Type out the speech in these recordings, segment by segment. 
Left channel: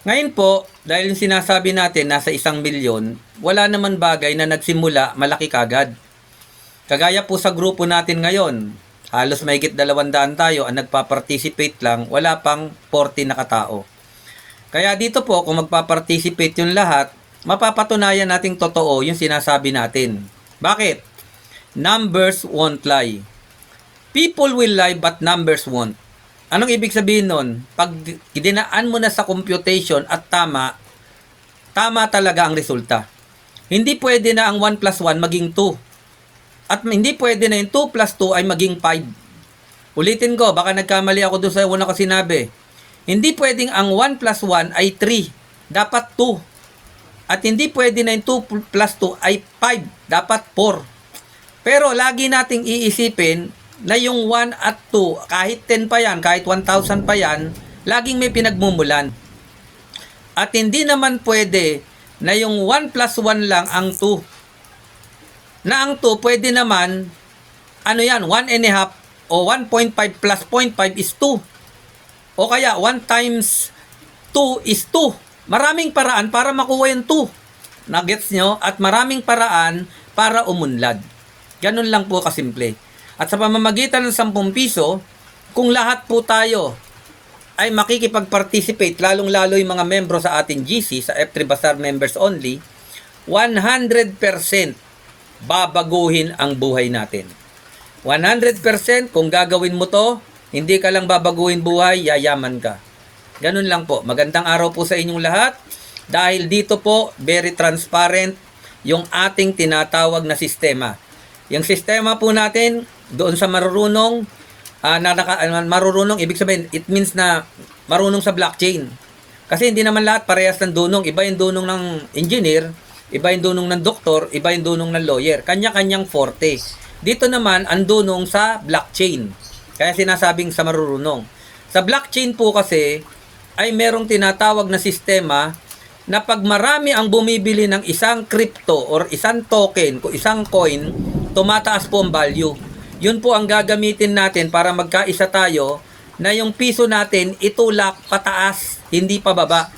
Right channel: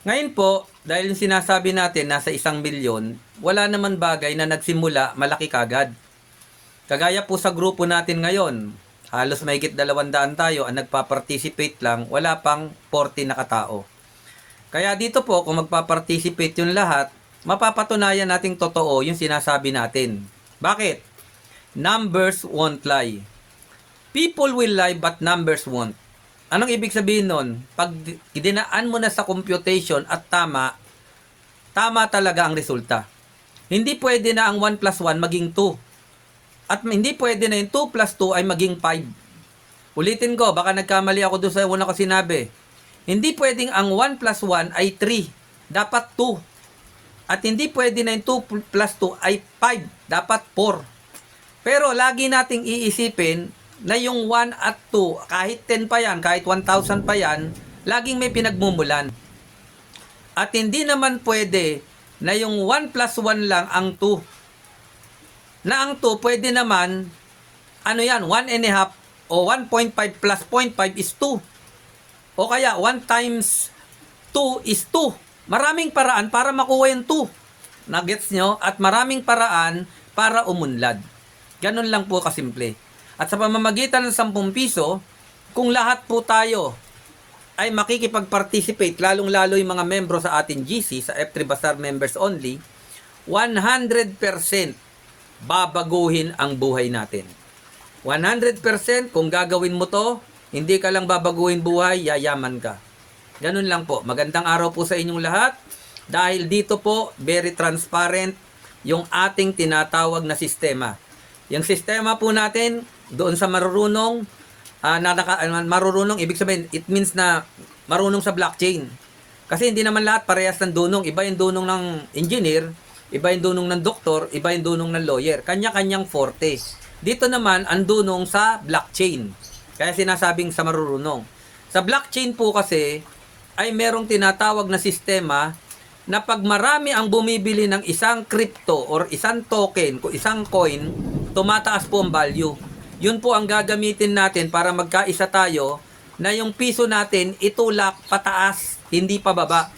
Ngayon po, dahil yung sinasabi natin nasa 1 milyon, wala naman bagay na nagsimula malaki kagad. Kagaya po sa grupo natin ngayon, halos mahigit 200 tayo ang nagpa-participate lang, wala pang 40 na katao. Kaya dito po, kung magpa-participate yung lahat, mapapatunayan nating totoo yung sinasabi natin. Bakit? Numbers won't lie. People will lie but numbers won't. Anong ibig sabihin nun? Pag dinaan mo na sa computation at tama, tama talaga ang resulta. Hindi pwede na ang 1 plus 1 maging 2. At hindi pwede na yung 2 plus 2 ay maging 5. Ulitin ko, baka nagkamali ako doon sa una ko sinabi. Hindi pwedeng ang 1 plus 1 ay 3. Dapat 2. At hindi pwede na yung 2 plus 2 ay 5. Dapat 4. Pero lagi nating iisipin na yung 1 at 2, kahit 10 pa yan, kahit 1,000 pa yan, laging may pinagmumulan. At hindi naman pwede na yung 1 plus 1 lang ang 2. Na ang 2 pwede naman, ano yan, 1 and a half o 1.5 plus 0.5 is 2. O kaya 1 times 2 is 2. Maraming paraan para makuha yung 2. Nagets nyo? At maraming paraan para umunlad. Ganun lang po kasimple. At sa pamamagitan ng 10 piso, kung lahat po tayo ay makikipag-participate, lalong-lalo yung mga membro sa ating GC, sa F3 Bazaar members only, 100% babaguhin ang buhay natin. 100% kung gagawin mo to, hindi ka lang babaguhin buhay, yayaman ka. Ganun lang po. Magandang araw po sa inyong lahat. Dahil dito po, very transparent yung ating tinatawag na sistema. Yung sistema po natin, doon sa marurunong, marurunong, ibig sabihin, it means na marunong sa blockchain. Kasi hindi naman lahat parehas ng dunong. Iba yung dunong ng engineer, iba yung dunong ng doktor, iba yung dunong ng lawyer. Kanya-kanyang forte. Dito naman, ang dunong sa blockchain. Kaya sinasabing sa marurunong. Sa blockchain po kasi, ay merong tinatawag na sistema na pag marami ang bumibili ng isang crypto or isang token, isang coin, tumataas po ang value. Yun po ang gagamitin natin para magkaisa tayo na yung piso natin itulak pataas, hindi pababa.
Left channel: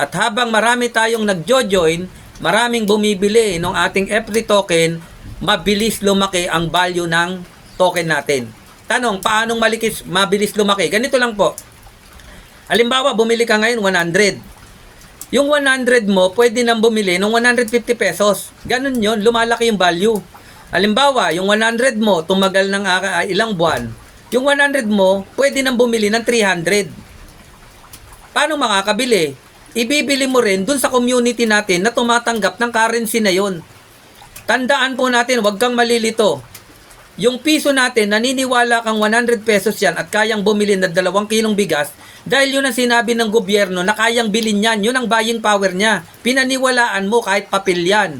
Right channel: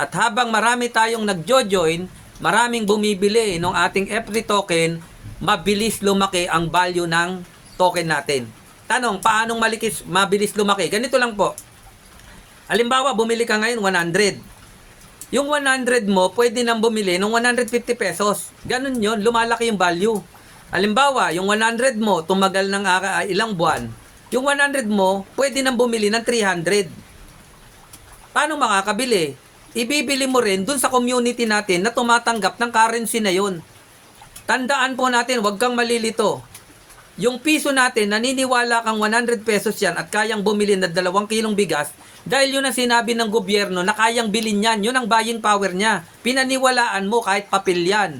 At habang marami tayong nagjo-join, maraming bumibili ng ating FD token, mabilis lumaki ang value ng token natin. Tanong, paanong mabilis lumaki? Ganito lang po. Halimbawa, bumili ka ngayon 100. Yung 100 mo, pwede nang bumili ng 150 pesos. Ganun yon, lumalaki yung value. Halimbawa, yung 100 mo, tumagal ng ilang buwan. Yung 100 mo, pwede nang bumili ng 300. Paano makakabili? Ibibili mo rin dun sa community natin na tumatanggap ng currency na yon. Tandaan po natin, huwag kang malilito. Yung piso natin, naniniwala kang 100 pesos yan at kayang bumili ng 2 kilong bigas dahil yun ang sinabi ng gobyerno na kayang bilhin yan. Yun ang buying power niya. Pinaniwalaan mo kahit papel yan.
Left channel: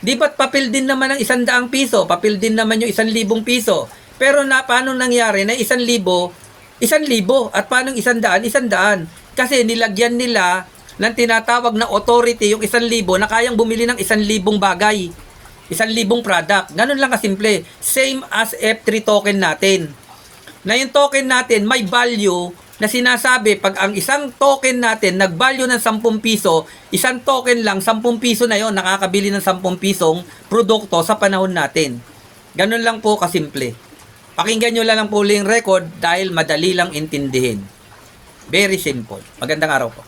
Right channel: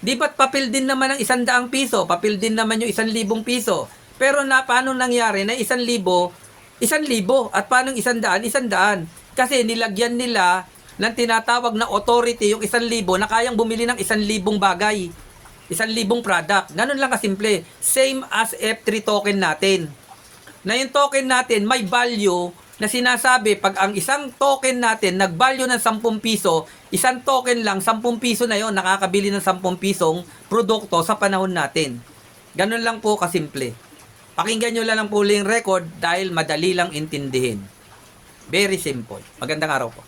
Di ba't papel din naman ang 100 piso? Papel din naman yung 1,000 piso. Pero paano nangyari na 1,000, 1,000 at paano 100, 100? Kasi nilagyan nila ng tinatawag na authority yung 1,000 na kayang bumili ng 1,000 bagay. 1,000 product. Ganun lang kasimple. Same as F3 token natin. Na yung token natin may value na sinasabi pag ang isang token natin nag-value ng 10 piso, isang token lang, 10 piso na yon nakakabili ng 10 pisong produkto sa panahon natin. Ganun lang po kasimple. Pakinggan nyo lang po yung record dahil madali lang intindihin. Very simple. Magandang araw po.